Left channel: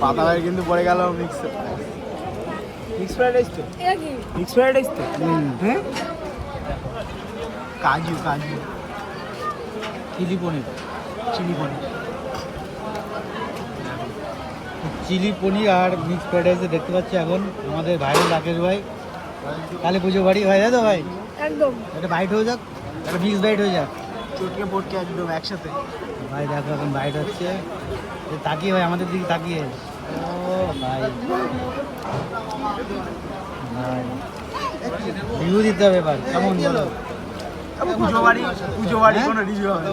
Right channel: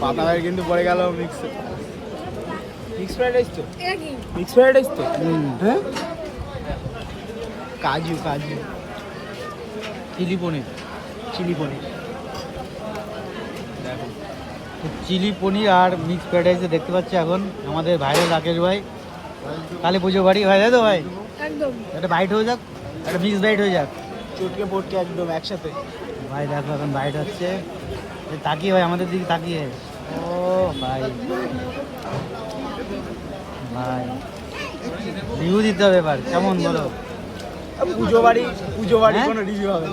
পাতা ভাই কিন্তু পড়ে গেল মিক্স ফ্রাইড রাইস তো মিক্স ফ্রাইড রাইস তো হ্যাঁ কাজু চিলি পনির চিলি পনির আর মিক্স ফ্রাইড রাইসে দেখতে পাচ্ছি এখন আমাদের ভাইয়ের রাকেশ ভাই কালী পুজো বাড়ি হয়ে যায় তো ভাই একদম একটা বাইট হয়ে যাক একটা মিক্স বাইট হয়ে যাক চোখে পড়ছে একদম একসাথে ভাই দেখো এখন বাইট হচ্ছে তাকিয়ে ভাই আমাদের দিকে তাকিয়ে ও ভাই রিভিউ দিতে হবে এবার কেমন বলো পুজো বাড়ি কোনো রিভিউ হবে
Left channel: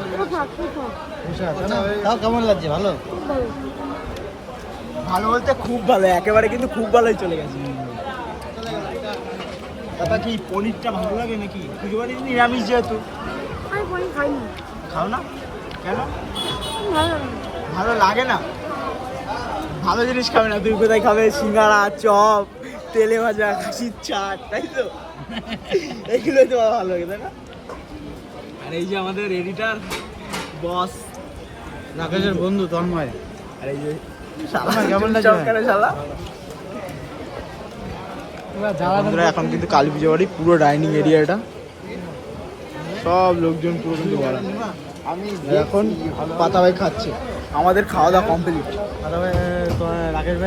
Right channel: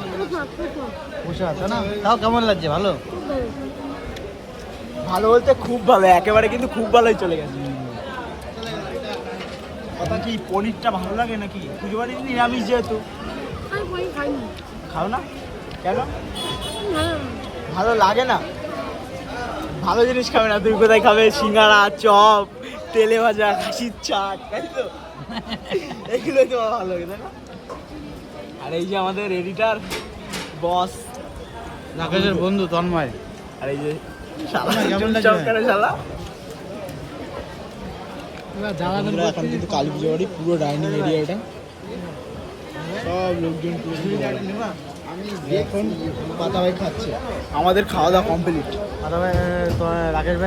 তাও কেমন লাগছে ভালো ভালো বলতে খুব ভালো একেবারে কিন্তু খুব ভালোই চলে গেছে কথা কি পনিরটা ভালো লাগে নাকি পুজো বাড়ি নিরামিষ যেহেতু আমি পনির খাই না খাও না কেন ভালো লাগে ভালো লাগে না ভালো জিনিস খাবে না তুই কোথায় খাবে সিঙ্গাড়া চপ তেলে ভাজা খাসির চাট তাই তো এগুলো তো ভালো লাগে তাই না আর এই যে আমাদের এডিটার বস রাকেশের বন্ধু তন্ময় আর এই যে শালা কেমন লাগছে? চমকানো শালা বন্ধুরা, এখন কিন্তু কালী পুজো বাড়ি পুরো ডাইনিং এরিয়াটা সব লোকজন পুরো কিন্তু ভরা। এখন পাতা ভাই খাচ্ছে আমাদের খাওয়া দাওয়া কমপ্লিট রাকেশ ভাই